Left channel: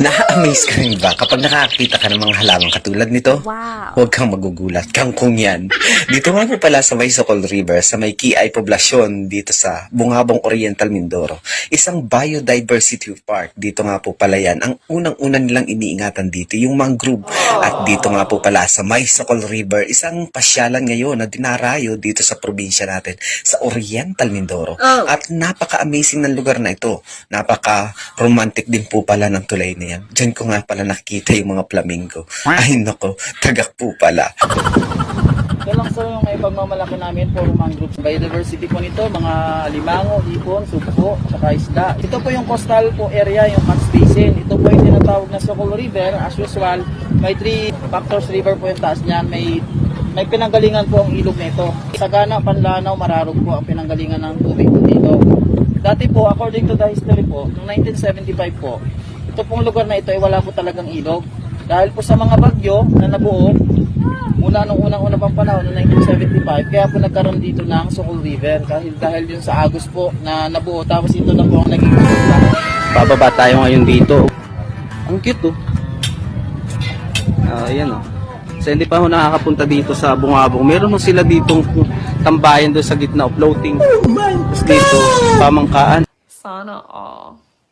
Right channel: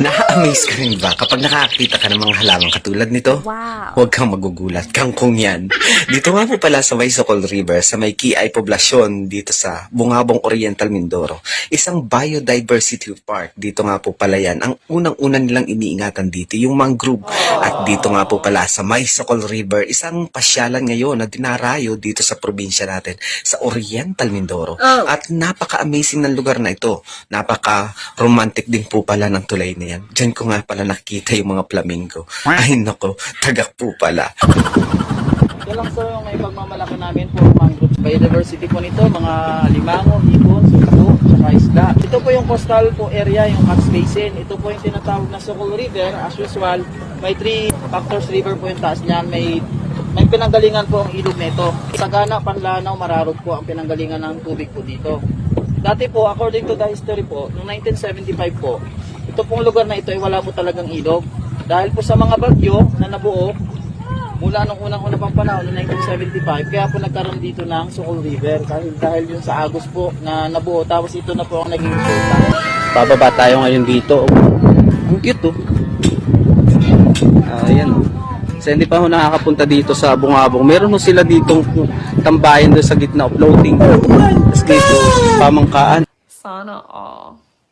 Now, ka rin ba kapag nakakita ka ng mga halamang katulad nito? Wow. Huwag kang magugulat, kangkong yan. Dito nga po pala sa may Socol River, sa may Kiay Poblasyon, dito sa Bungabong Oriental, Mindoro. Isang biodiversity park. Dito nga po pala yan. Ang unang-unang nilang iniingatan dito, yung mangrove. At dito nga po pala sa may Socol River, isang pasyalan ngayon na dinarayo dito sa probinsya natin, sa Oriental, Mindoro. Oh. At napaka-amazing ng lugar na ito. Napaka-romantic din po pala ng tulay na yan. Diyan ko nga pala nakita yung mga flamingo. Ay nako, tagak po pala. Ito lang sir yung may pagmamalaki namin po mangrove biodiversity po nito, mga limango, ibon, sugpo, saka isda. Ito po yung coastal po area, yung Max Basin. Ito po yung tinatawag na Sokol River. As usual, may three factors river po yung taas niya. May may pinanggalingan po ang ilog nito. Sagana, Panlanaw, Mararog po ang pinanggalingan ng tubig po dito. Dati po, according to the history po, noong 1975 po, ito pong lugar na ito ay wala po talagang ilog. Dahil po sa mga bagyo na nabuo, mula nung unang-una pang panahon, noong 1975, kaya po nagkaroon dito ng Sokol River. Dahil, dahil yun sa Agos po na nabuo, tapos ito na po ang naging result. Bababa tayo ngayon dito. Ang cute oh. Ayan oh. Kasi hindi pa ako nakakapunta dito sa Bungabong. Meron ho sila ditong tambayan doon sa gitna, floating. Tapos dito, pamangkaan. Sana all.